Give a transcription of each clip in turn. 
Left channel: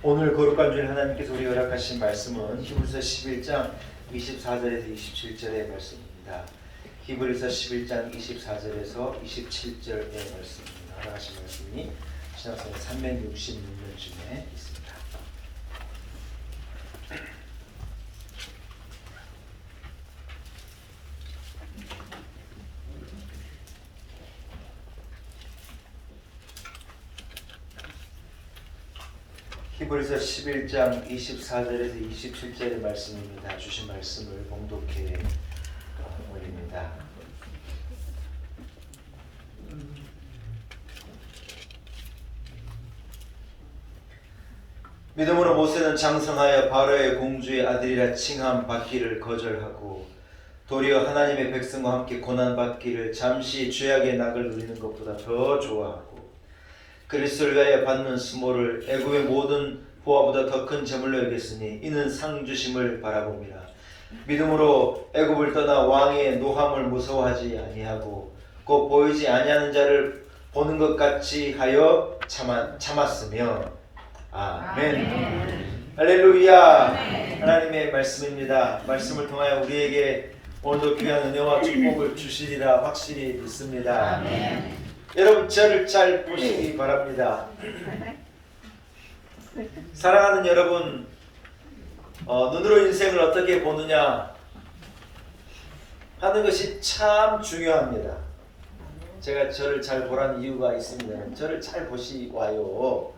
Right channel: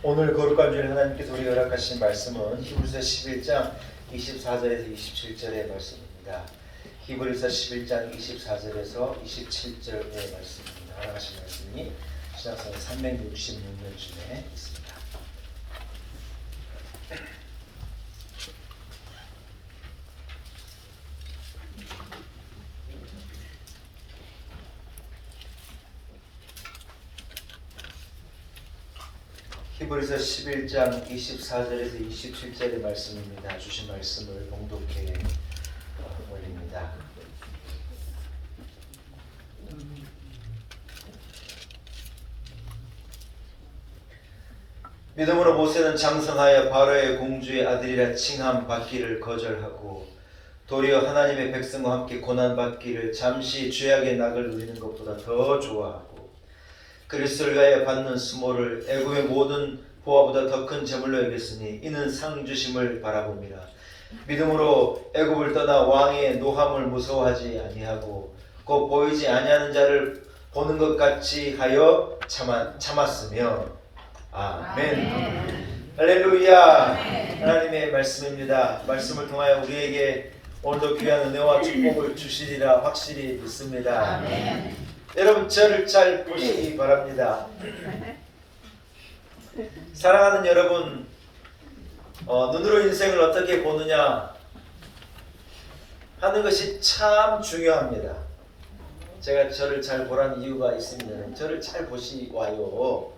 오늘 거룩한 주일 하나님께서 우리가 허락하신 말씀은 히브리서 11장 24절에서 27절의 말씀입니다. 히브리서 11장 24절에서 27절의 말씀입니다. 허락하신 말씀이 신약성경 366면쯤에 있습니다. 히브리서 11장 24절에서 27절의 말씀입니다. 주신 말씀을 봉독해 올립니다. 믿음으로 모세는 장성하여 바로의 공주의 아들이라 칭함 받기를 거절하고 도리어 하나님의 백성과 함께 고난받기를 잠시 죄악의 낙을 누리는 것보다 더 좋아하고 그리스도를 위하여 받는 수모를 애굽의 모든 보화보다 더 큰 제물로 여겼으니 이는 상 주심을 바라봅니다. 믿음으로 애굽을 떠나 왕의 노함을 무서워하지 아니하고 곧 보이지 아니하는 자를 보는 것 같이 하여 참았으며 아멘. 할렐루야. 하나님의 말씀입니다. 말씀을 통하여 우리에게 오늘도 귀한 은혜와 축복을 주시리라 확실히 믿습니다. 아멘. 여러분 저를 잘 보시기 바랍니다. 사랑하는 여러분, 눈으로 인생을 어떻게 보느냐 하는 것이 참 중요합니다. 제가 저를 잘 보라는 이유가 있습니다. 저를 잘 보시와요.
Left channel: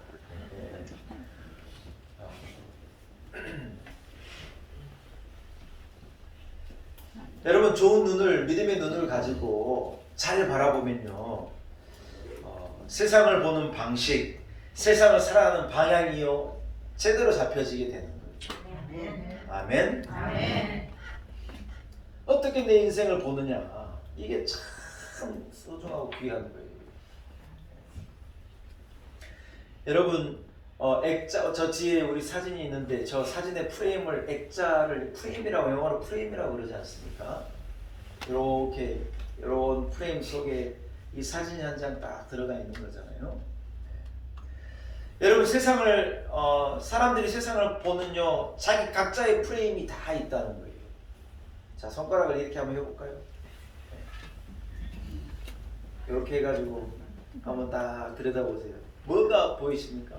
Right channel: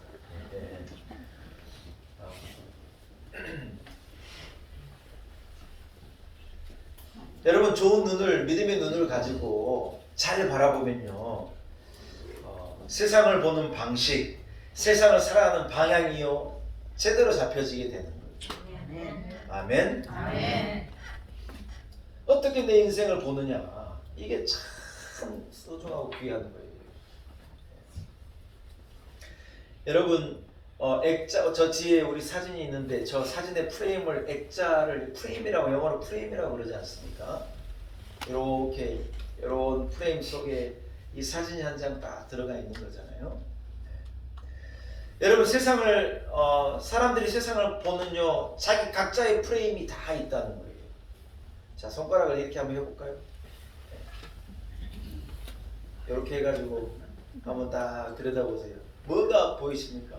여러분 좋은 눈을, 믿음의 눈을 가지고 잘 바라보면요, 세상을 보는 방식, 세상을 살아가는 방향이요 제대로 잡혀지게 되는 거예요. 아멘. 아멘. 어떻게 내 인생을 보느냐, 이게 참 소중하고 귀한 거예요. 여러분 액자, 저 뒤에 우리 사진이 있는데 저 사진의 프레임을, 액자를 프레임이라고, 영어로 프레임이라고 그러지 않습니까? 이렇게 이런 프레임 속에 이 사진이 한 장 딱 들어가 있는 거잖아요. 여러분 세상을 사람들이 세상을 보는요 자기 각자의 프레임이 다 있다는 거예요. 자, 손가락을 이렇게 한번 해볼까요? 이렇게 해가지고 한번 딱 들여다보세요. 뭐가 보이십니까?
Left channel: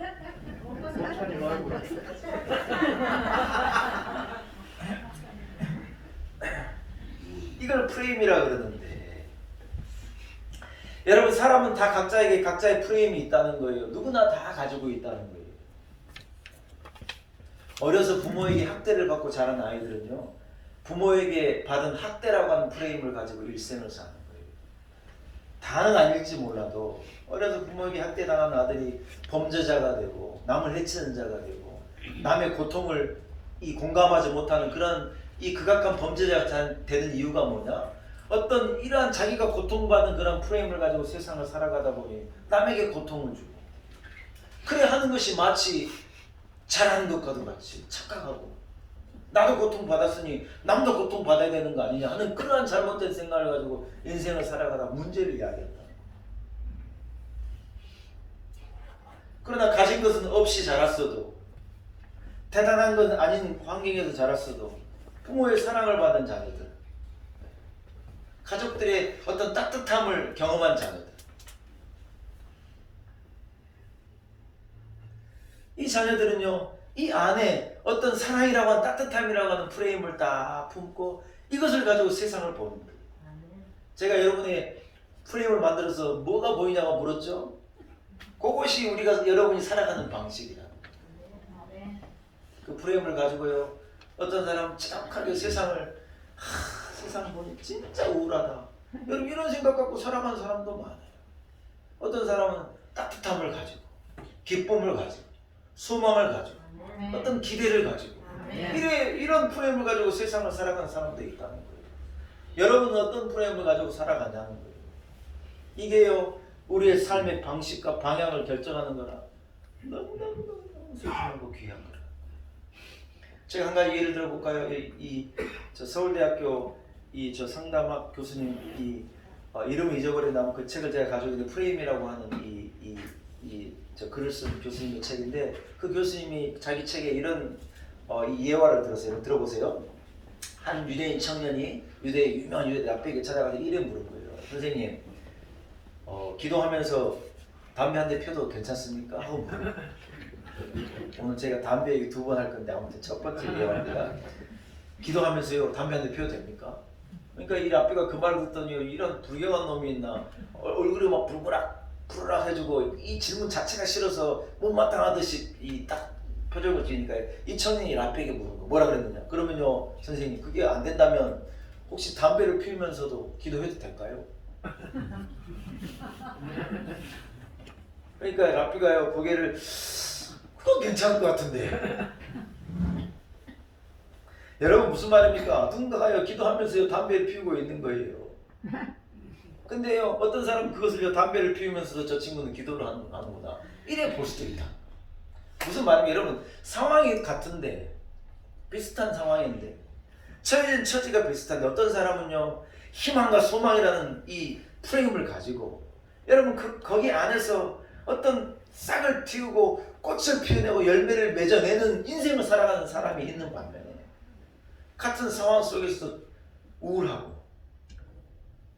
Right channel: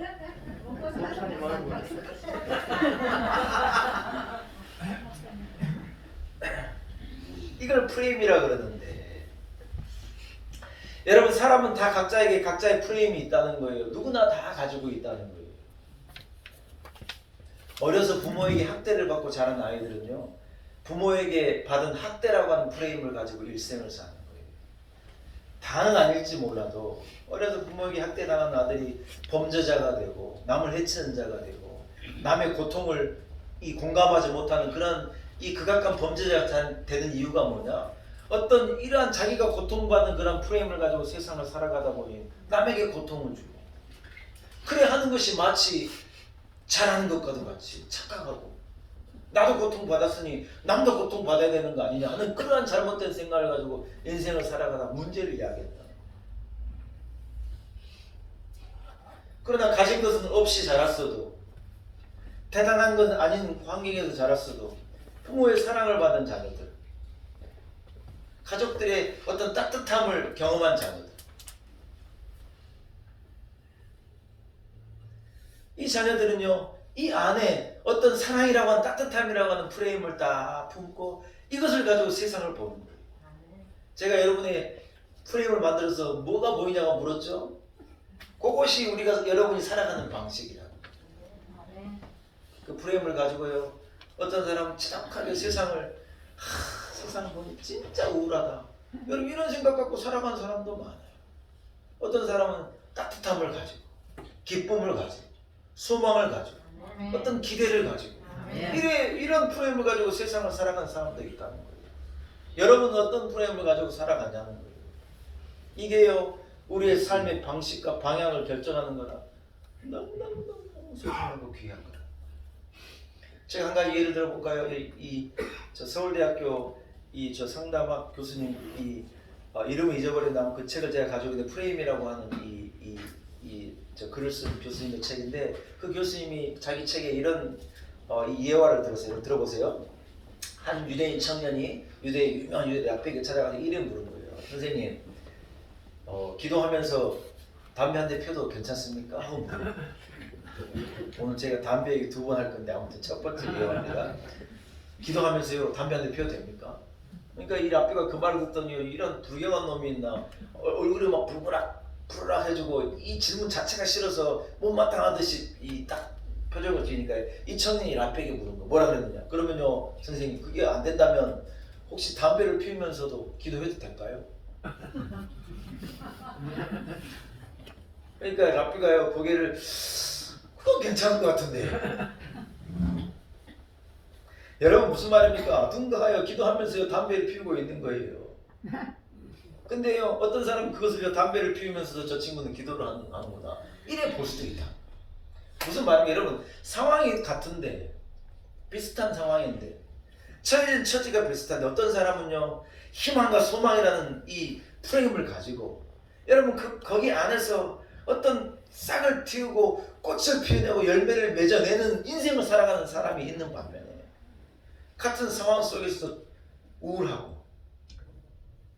이걸 프레임이라 그러는데, 여러분 사람은 다 각자에게 각자의 프레임이 있다는 거예요. 누구나 다 가지고 있다는 거예요. 어려서 부모에게 학대를 받고 자란 아이들은요, 부모에게 받은 학대라고 하는 프레임을 가지고 일생을 사는 거예요. 다는 아닐지 몰라도 어려서 부모에게 학대당한 아들이 범죄자가 되고 남을 해치는 자가 되고 남의 고통을 공감하지 못하는 그런 이 극악한 범죄자가 되는 이유가 뭐냐? 어떤 이러한 자기가 고통받는 그런 프레임을 가지고 세상을 살아가다 보니 남에게 고통을 주고, 그래 하는 것이 마치 잘하는 것 같이 착각하고, 나도 고통받았으니 남도 고통받아야 되는 거 아니냐 하는 그러한 잘못된 생각을 가지고 인생을 살아가다 문제를 야기했다. 그러나 가진 것은 없이 자랐어도, 대단한 건 아닌 환경에서 자랐어도 부모의 사랑을 받은 자녀들, 가족들의 어떤 따뜻함을 경험한 자녀들, 이 자녀들은요 이 안에 어떤 사랑이라고 하는, 따뜻함이라고 하는 프레임을 다 품고 이것을 가지고 세상을 보는 거예요. 제가 여러분의 프레임을 만들어서 뭐가 보이냐고 물었죠? 그것이 우리가, 여러분이 살아가는 방식이라. 그 프레임을 가지고요 어떤 사람은 착하게 세상을 세상 보니 진짜 우울하다, 여러분 이런 생각 갖고 살아가는 사람도 많아요. 어떤 사람은 따뜻함을 가지고, 기쁨을 가지고, 소망을 가지고, 어떤 기대를 가지고, 이런 프레임을 가지고 세상을 살아가는 사람도 있다는 거예요. 여러분은 어떤 프레임을 가지고 살아가냐는 거예요. 이게요 우리의 삶의 방식과 방향을 결정하는 거라 너무너무 소중하고 귀한 거라. 제가 한 가지 예를 들어볼까요? 저 서울대학교 저 상담학 교수님 이름을 잊어버린 그 책을 제가 가지고 있는데, 프레임이라고 하는 저 글을 쓴 교수님의 책인데 그 교수님이 자기 책에 이런 이 예화를 들었어요. 들어보세요. 한 유대인 청년이 유명한 유대 앞에 찾아가서 이름 물은 거예요. 선생님, 기도하면서 담배 한 대 피워도 괜찮습니까? 하고 물어요. 오늘 제가 담배 얘기 2번 할 건데 아무튼 첫 번째 예화입니다. 기도하면서요 담배 한 대 피워도 됩니까? 그러니까 이 랍비가 그 말을 듣더니 이런 불경한 놈이 있나, 얼굴이 막 푸르락 해주고 이 질문 자체가 싫어서 못마땅하듯이 이 딱 표정을 지으니까 이 청년이 랍비에게 물은 거 뭐라 그랬느냐, 그러면요 선생님 그게 안 된다면 혹시 담배를 피우면서도 기도해도 될까요? 그러니까 랍비가요 고개를, 그건 괜찮을 것 같은데. 여러분 무슨 말입니까? 누군가가요 기도하면서요 담배를 피우고 있는 거예요. 근데요 어떤 사람은 그것을요 담배를 피우면서도 저 친구는 기도를 하는구나 이래 볼 수도 있다. 무슨 말이에요? 여러분 상황이 같은데, 비슷한 상황인데 처지가 비슷한데 어떤 사람은요 희망과 소망이라는 이 프레임을 가지고 여러분 거기 안에서 어떤 싹을 틔우고 꽃을 피워내고 열매를 맺어내는 인생을 살아가는 사람이 있는 반면에 같은 상황 속에서도 우울하고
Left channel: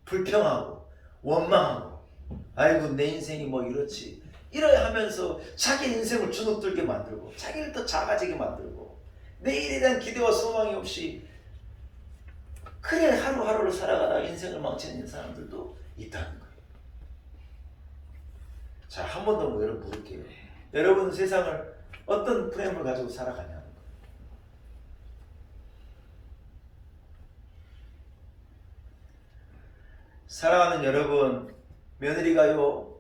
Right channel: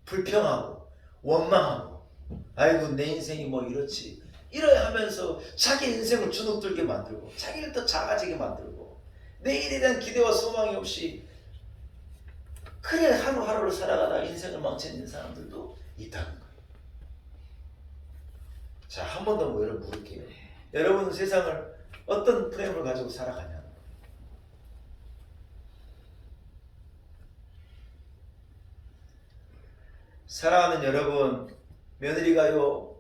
불평하고 원망하고 아이고 내 인생이 뭐 이렇지 이러야 하면서 자기 인생을 주눅들게 만들고 자기를 더 작아지게 만들고 내일에 대한 기대와 소망이 없이 그래 하루하루를 살아가다 인생을 망치는 사람들도 있다는 거예요. 자, 한 번 더 여러분 물을게요. 여러분은 세상을 어떤 프레임을 가지고 살아가냐는 거예요. 사랑하는 여러분, 며느리가요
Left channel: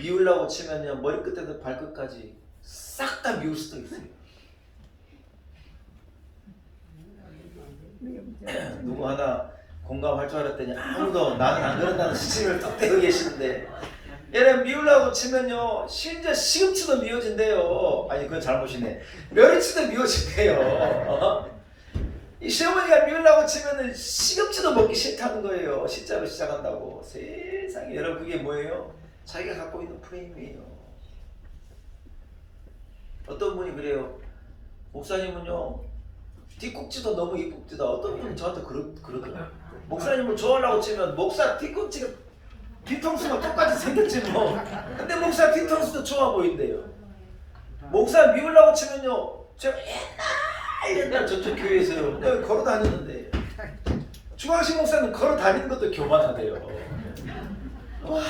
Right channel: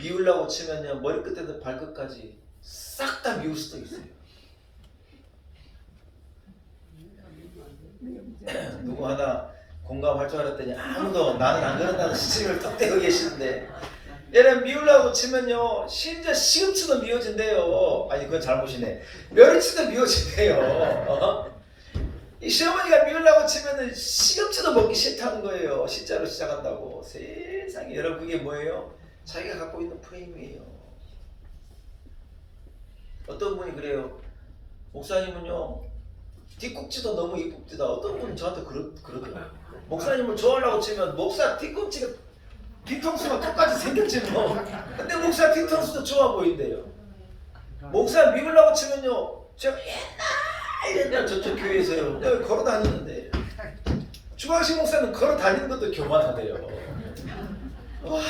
미우려고 치면요 머리끝에서 발끝까지 싹 다 미울 수도 있어요. 누구 하나 공감할 줄 알았더니 아무도 나는 안 그런다는 스치를 또 떼고 계시는데, 얘는 미우려고 치면요 심지어 시금치도 미워진대요. 아니 그건 잘못이네. 멸치도 미워진대요. 이 시어머니가 미우려고 치면은 시금치도 먹기 싫다는 거예요. 시자로 시작한다고. 세상에 여러분 그게 뭐예요? 자기가 갖고 있는 프레임이에요. 어떤 분이 그래요. 목사님은요 뒤꿈치도 너무 이쁩니다. 어떤 분은 저한테 그러더라고요. 목사님을 좋아하려고 치면 목사 뒤꿈치가 뒤통수가 똑같이 생겼지 뭐. 근데 목사 뒤통수도 좋아 보인대요. 목사 미우려고 치면요 제가 옛날 저쪽 교회에서요 내가 걸어 다니는데 주광식 목사는 걸어 다니는 것도 교만하대요. 와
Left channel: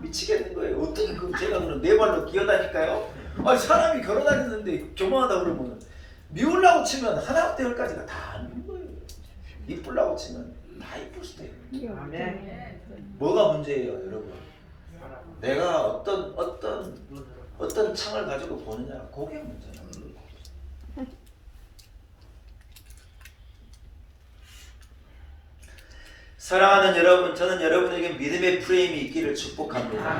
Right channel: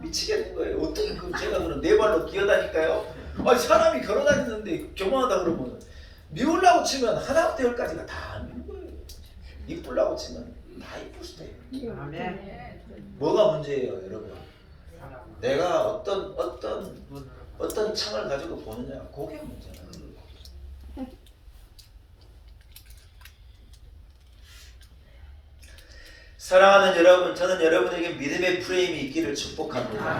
미치겠는 거예요. 어떻게 제가 그럼 네 발로 기어다닐까요? 아니 사람이 걸어 다니는데 교만하다 그러면 미우려고 치면 하나부터 열까지가 다 미운 거예요. 이쁘려고 치면 다 이쁠 수도 있어요. 뭐가 문제예요, 여러분? 내가 어떤 창을 가지고 보느냐, 그게 문제예요. 사랑하는 여러분, 저는 여러분에게 믿음의 프레임이 있기를 축복합니다.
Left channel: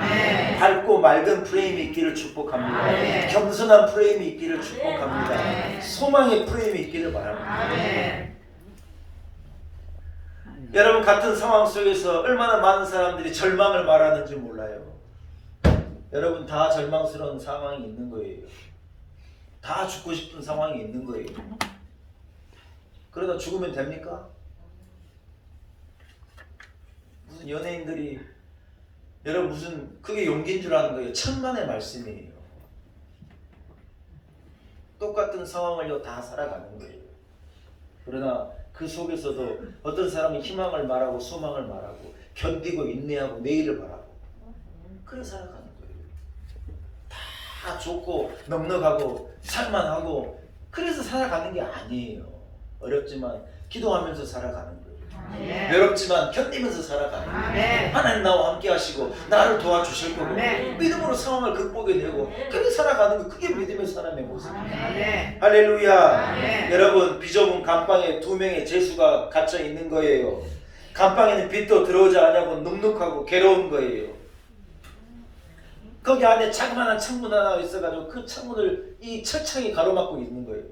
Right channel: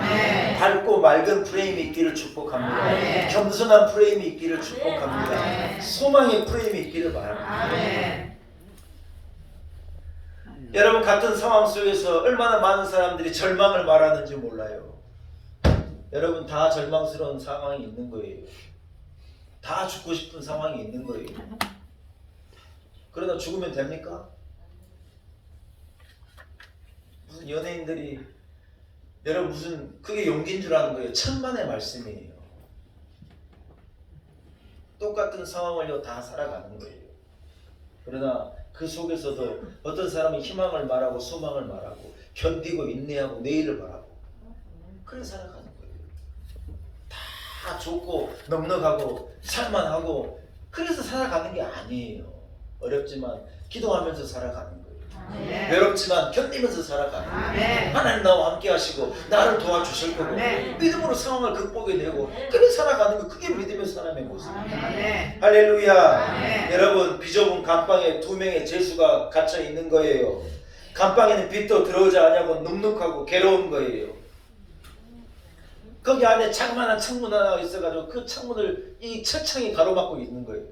밝고 맑은 프레임이 있기를 축복합니다. 겸손한 프레임이 있기를 축복합니다. 소망의 프레임이 있기를 바랍니다. 여러분 같은 상황 속에서 얼마나 많은 사람들이 절망을 말하는지 몰라요. 여러분 다 절망스러운 상황이 있는 거예요. 다 죽고 싶은 상황이 있는 거예요. 그러다 죽으면 됩니까? 무슨 연예인들이 여러분 무슨 그게 용기인 줄 아는 거예요. 천만의 말씀이에요. 똑같은 상황을요 다 살아가는 거예요. 그러나 그 속에서도 어떤 사람은 희망을 말하고 소망을 말하고 견디고 인내하고 내일을 바라고 그래 살아가는 거예요. 다 좋고 넉넉하고 살만하고 그래서 살아가는 게 아니에요. 어렵지만 기도하면서 살아가는 거예요. 외롭지만 견디면서 살아가는 거예요. 하나님 나와 함께 하시고 나를 도와주실 거고 믿음으로 상황을 극복해내고 그래 살아가는 거, 그게 믿음의 사람의 모습입니다. 할렐루야. 여러분 비좁은 감방에 2명의 죄수가 갇혀 있는 거예요. 감방에는 빛도 들어오지 않냐고 눅눅하고 괴로운 거예요. 거기 안에 자그마한 창문 하나가 있어가지고 그 창문을 이 철창이 가로막고 있는 거예요.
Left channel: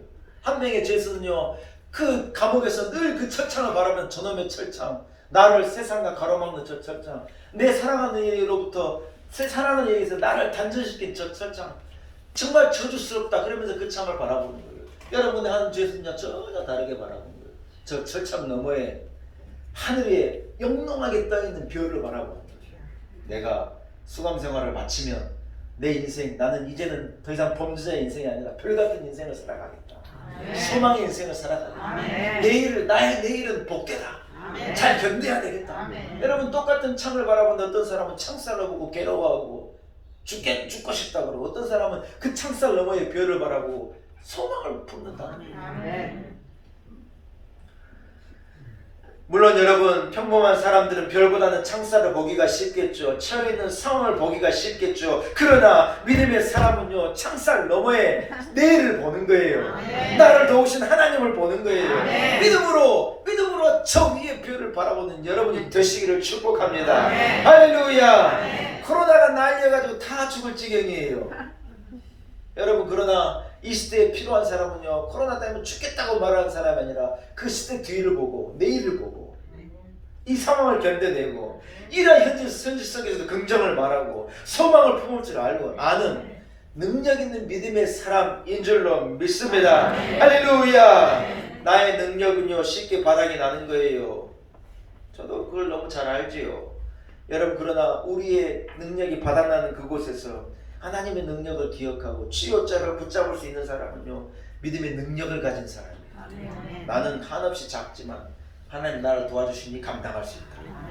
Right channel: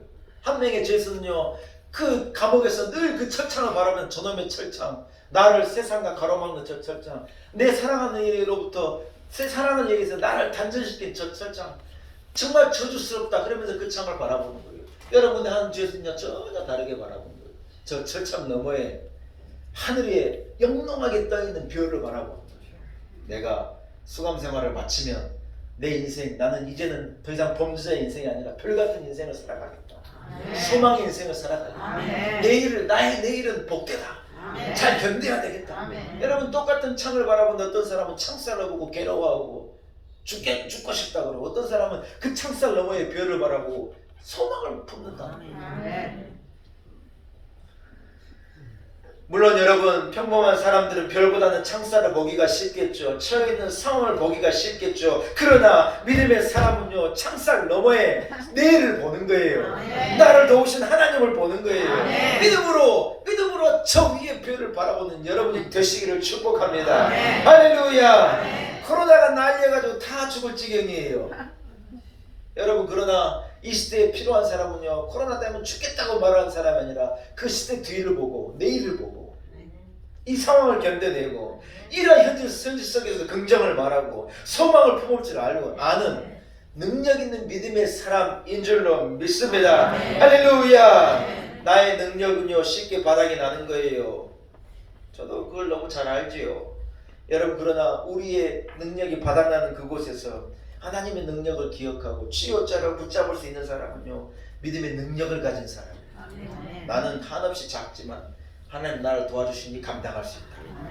한 명의 죄수는요 그 감옥에서 늘 그 철창을 바라보면 저놈의 철창, 나를 세상과 가로막는 저 철창, 내 사랑하는 이로부터 사랑은 얘기해서 나를 단절시킨 저 철창 정말 저주스럽다 그러면서 그 창을 바라보는 거예요. 여러분의 하는 죄는요 전혀 다르게 바라보는 거예요. 저 철창 너머에 하늘에 영롱하게 떠있는 별을 바라보는 거예요. 내가 수감 생활을 마치면 내 인생, 나는 이제는 더 이상 범죄자의 인생이 아니라 별같은 인생을 살아가겠다. 소망의 인생을 살아가겠다. 나의 내일은 복되다. 잘 견뎌야 되겠다. 여러분 똑같은 창을 바라보는 어떤 사람은 창살을 보고 괴로워하고 죽고 싶다 그러고 어떤 사람은 그 창살 너머의 별을 바라보고 소망을 품는다. 물론 여러분 평범한 사람들은 별보다는 창살을 보기가 쉽겠죠. 처해 있는 상황을 보기가 쉽겠죠. 그러나 믿음의 사람은요 창살 너머에 내일을 보는 거예요. 나를 도우신 하나님을 보는 거예요. 믿음으로 저 위의 별을 바라보는 여러분이 되시기를 축복합니다. 할렐루야. 코로나가 날려가지고 다 죽을 지경이에요. 여러분 그러나 이 시대에 필요한 사람은요 코로나 때문에 죽겠다고 말하는 사람이 아니라 그 시대 뒤를 보고 내일을 보고 이 상황을 견뎌내고 이러한 현실 속에서도 긍정을 말하고 소망을 품을 줄 알고 아는 능력 있는 믿음의 사람인 줄로 믿습니다. 할렐루야. 나의 능력은요 쉽게 바닥이 나는 거예요. 저도 그걸 너무 잘 알지요. 여러분 그러나 우리의 능력이 바닥나는 그곳에서 하나님의 능력을 기억하고 쥐어짜가 붙잡을 수 있는 사람은요 믿음의 능력을 가진 사람이에요. 나는 한없이 작지만 하나님 나를 도와주시니 감당할 수 있다.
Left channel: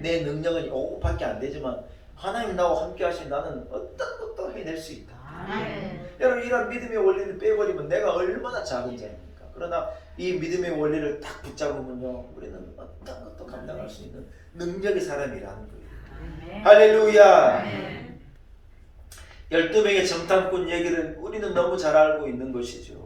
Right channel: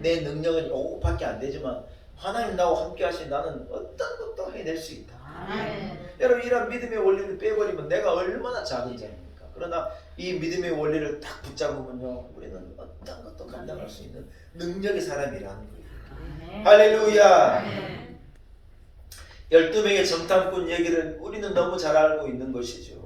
내 능력은 요거밖에 안 되지만 하나님 나와 함께 하시니 나는 어떤 것도 해낼 수 있다. 여러분 이런 믿음의 원리를 빼버리면 내가 얼마나 작은 자입니까? 그러나 이 믿음의 원리를 딱 붙잡으면요 우리는 어떤 것도 감당할 수 있는 능력의 사람이라는 거예요. 할렐루야. 12명의 정탐꾼 얘기를 우리는 너무 잘 알고 있는 것이죠.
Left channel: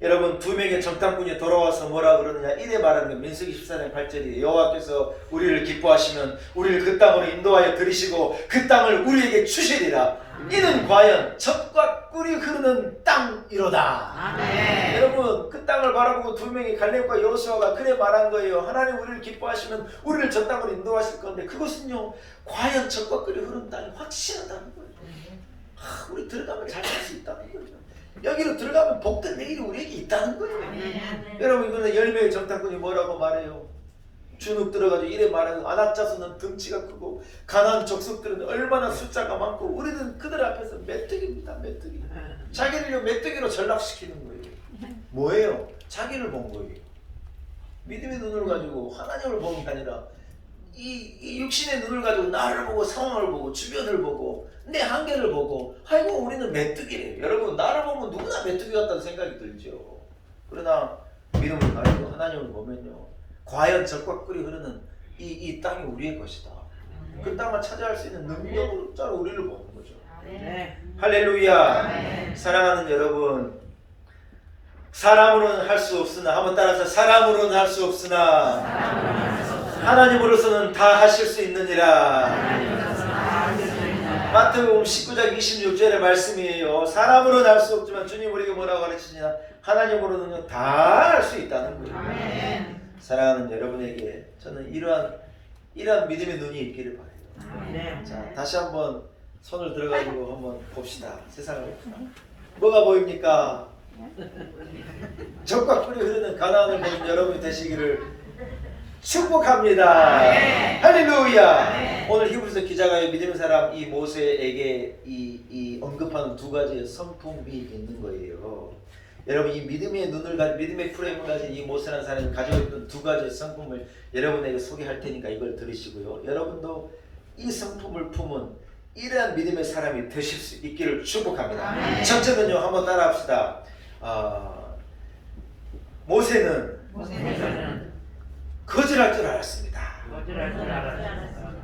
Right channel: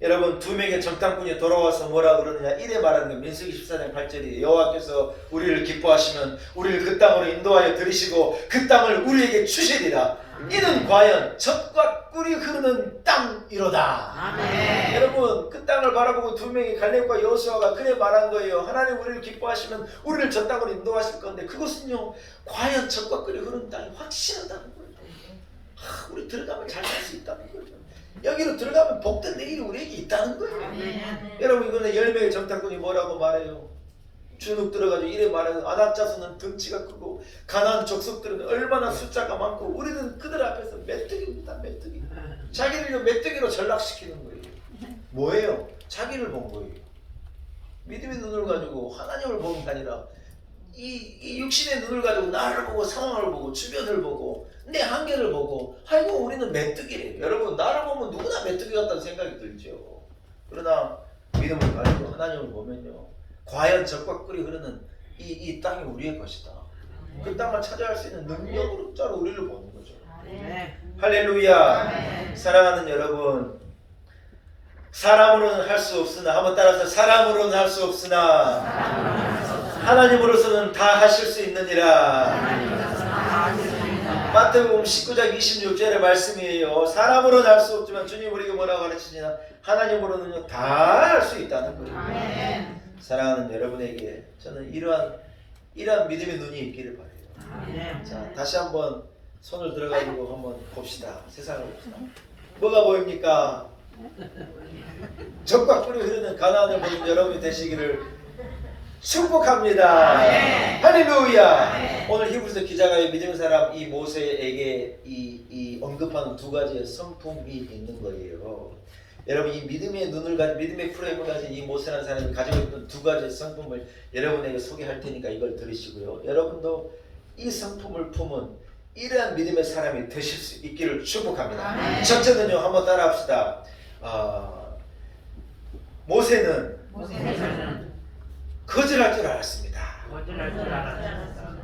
여러분 2명의 정탐꾼이 돌아와서 뭐라 그러느냐 이래 말하는 게 민수기 14장 8절이에요. 여호와께서 우리를 기뻐하시면 우리를 그 땅으로 인도하여 들이시고 그 땅을 우리에게 주시리라. 이는 과연 젖과 꿀이 흐르는 땅이로다. 여러분 그 땅을 바라보고 2명의 갈렙과 여호수아가 그래 말한 거예요. 하나님 우리를 기뻐하시면 우리를 저 땅으로 인도하실 건데 그것은요 과연 젖과 꿀이 흐르는 땅이 확실하다는 거예요. 우리 들어가면 잘 살 수 있다는 거예요. 여기로 들어가면 복된 내일이 우리에게 있다는 거예요. 여러분 이거는 10명의 정탐꾼이 뭐라고 말해요? 주눅 들어가지고 이래 말하는 아낙자수는 덩치가 크고 가나안 족속들은 얼마나 숫자가 많고 우리는 그들 앞에서 메뚜기입니다. 메뚜기. 자기를 메뚜기로 전락시키는 거예요. 뭐예요? 자기를 본 거예요. 믿음의 눈을 가지고 하나님을 보는 게 아니라 이 육신의 눈을 가지고 나를 보고 상황을 보고 주변을 보고 내 한계를 보고 아이고 우리는 메뚜기래요. 여러분 나를 보면 누구나 메뚜기 같다는 생각이 들죠. 그러나 믿음을 가지고 하나님을 보면요 과연 젖과 꿀이 흐르는 이 땅이 우리의 것이다. 그 땅을 차지할 수 있는 능력으로 따로 우리를 보는 거죠. 할렐루야. 사랑하는 여러분 사람으로는 할 수 없으나 한번 따라서 사람으로는 할 수 없으나 하나님으로서는 다 하실 수 있느니라. 마태복음 19장 26절의 말씀이에요. 사람으로는 할 수 없지만 주님 우리에게 뭐라고 가르치시나 하나님으로는 다 할 수 있다는 거예요. 사랑하는 여러분에게 저는 이러한 믿음의 눈이 있기를 바라요. 자, 다시 한번 손을 들어가지고 한번 봅시다. 세상을 봅시다. 뭐가 보입니까? 젖과 꿀이 흐르는 가나안을 보는 여러분이 되시기를 축복합니다. 할렐루야. 오늘 히브리서 기자가 믿음의 사람 이 모세에게 이 언급하는 두 가지의 성품이 있는 거예요. 여러분 이 믿음의 눈을 믿음의 프레임을 가진 이 모세라는 사람이 가지고 있던 두 가지의 성품을 여러분에게 소개할 테니까 이걸 들으시고요. 여러분도 이 성품을 품은 이러한 믿음의 사람이 되실 수 있기를 축복합니다. 첫째는요 한번 따라합시다. 모세는 거절할 줄 알았습니다.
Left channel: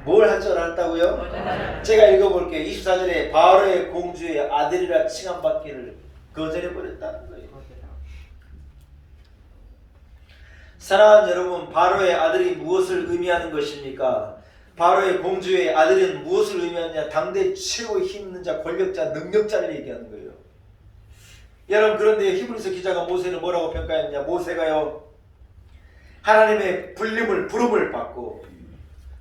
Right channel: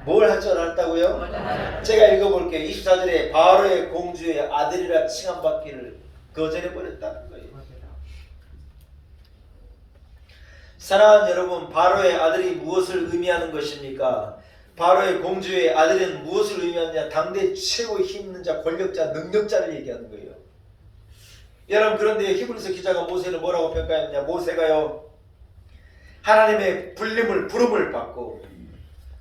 뭘 할 줄 알았다고요? 제가 읽어볼게요. 24절에 바로의 공주의 아들이라 칭함받기를 거절해버렸다는 거예요. 사랑하는 여러분, 바로의 아들이 무엇을 의미하는 것입니까? 바로의 공주의 아들은 무엇을 의미하느냐? 당대 최고 힘 있는 자, 권력자, 능력자를 얘기하는 거예요. 여러분 그런데 히브리서 기자가 모세를 뭐라고 평가했느냐? 모세가요 하나님의 부름을 받고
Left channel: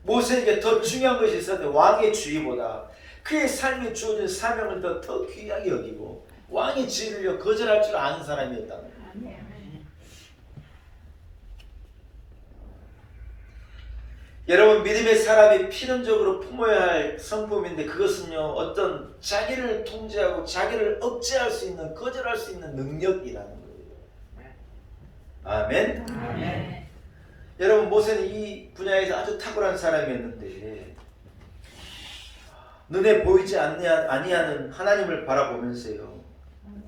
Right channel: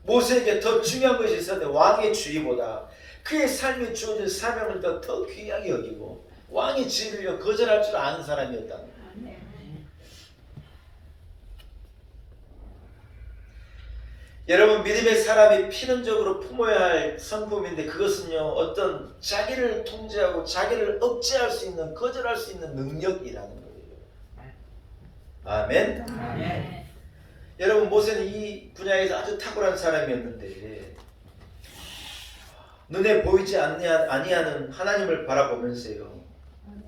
모세에게 더 중요한 것이 있었는데 왕의 주의보다 그의 삶에 주어진 사명을 더 귀하게 여기고 왕의 지위를 거절할 줄 아는 사람이었다는 거예요. 여러분, 믿음의 사람이 필연적으로 품어야 할 성품인데 그것은요, 어떤 자기를 통제하고 자기를 억제할 수 있는, 거절할 수 있는 능력이라는 거예요. 아멘? 아멘. 여러분, 모세는 이 분야에서 아주 탁월한 사람이었는데 눈에 보이지 아니하는 하나님을 바라보면서요,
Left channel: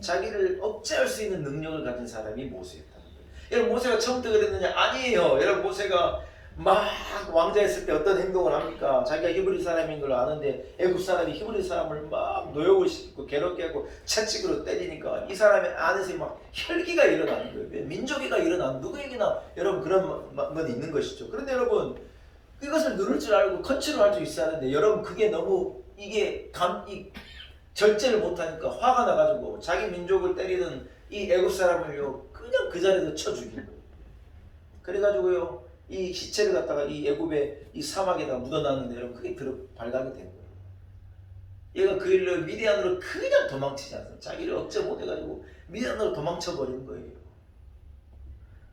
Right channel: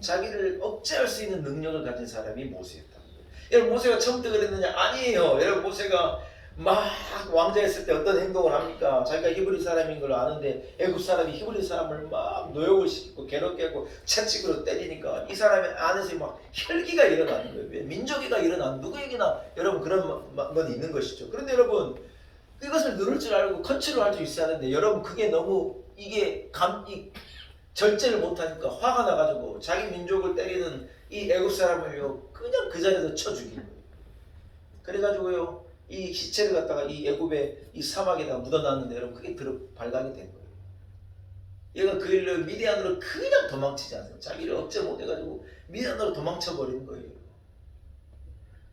자기를 억제할 수 있는 능력을 가진 사람이 모세였다. 여러분, 모세가 처음부터 그랬느냐? 아니에요. 여러분, 모세가 막 왕자했을 때 어떤 행동을 합니까? 자기가 히브리 사람인 걸 아는데 애굽 사람이 히브리 사람을 막 노역을 시키고 괴롭게 하고 채찍으로 때리니까 이 사람의 안에서 막 혈기가 일어나는 거예요. 민족이가 일어나는, 누구에게나 여러분 그런 건 있는 것이죠. 그런데 여러분, 그것을 누를 줄 알고 컨트롤할 수 있어야 하는데 여러분, 그게 너무 이게 절제를 못하니까 화가 나가지고 자기 민족을 때리는 이 애굽 사람을요 그냥 그 자리에서 쳐 죽인 거예요. 그래가지고요 이 시체를 갖다가 이 애굽의 이 사막에다 묻어놨는데 여러분, 그게 발각이 된 거예요. 얘가 그 일로 미디안으로 그냥 도망치지 않아요. 자기를 억제 못해가지고 미디안으로 도망쳐버린 거예요.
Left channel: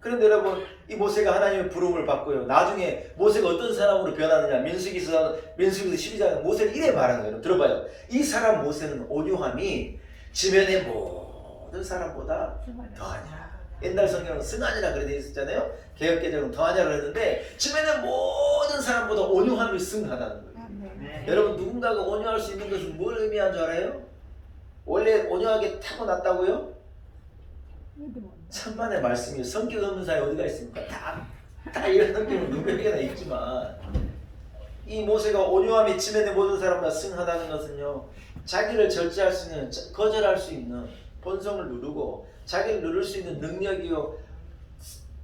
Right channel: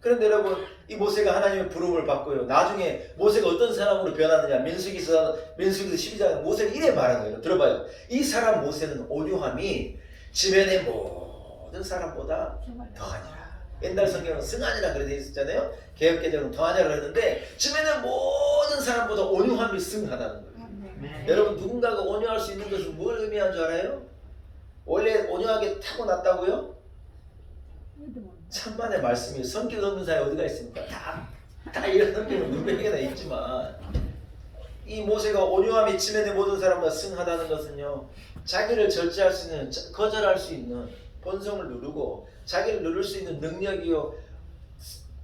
그런데 여러분, 이 모세가 하나님의 부름을 받고요, 나중에 모세가 어떤 사람으로 변하느냐, 민수기서 12장에 모세는 이래 말하는 거예요. 들어봐요. 이 사람 모세는 온유함이 지면의 모든 사람보다 더하니라. 옛날 성경은 승하니라 그래 돼 있었잖아요. 개혁개정은 더하냐고 그랬는데 지면의 모든 사람보다 온유함이 승하다는 거예요. 네. 여러분, 누군가가 온유할 수 있는 것은 뭘 의미하는 줄 알아요? 원래 온유하게 타고났다고요? 천만의 말씀이에요. 성격 없는 사람이 어디가 있습니까? 다 이런 성격은 누구에게나 있지만, 이 모세가 온유함이 지면의 모든 사람보다 승하다는 것은요, 자기를 절제할 수 있는, 거절할 수 있는 본성을 누르고 자기를 누를 수 있는 능력이요,